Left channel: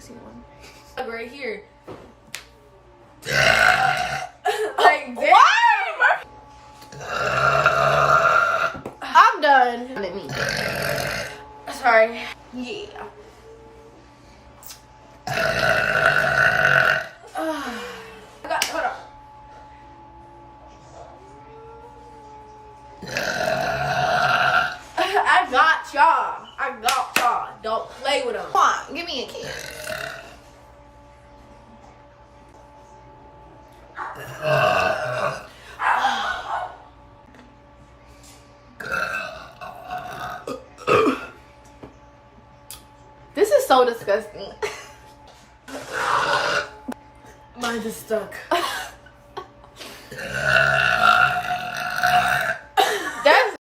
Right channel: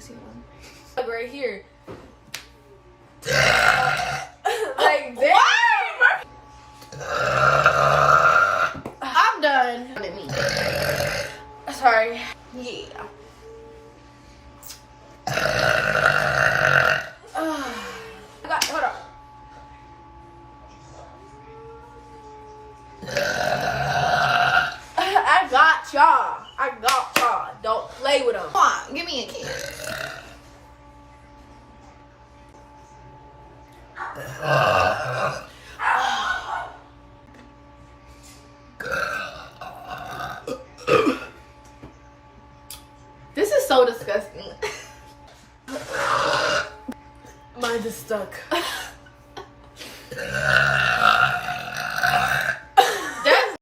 juicy one. Like right here. Like this. I'm done. Sorry. Yeah. Hold on. I got y'all. Don't play with them. Come on, give me a kiss. This is so disgusting. Mine just stuck.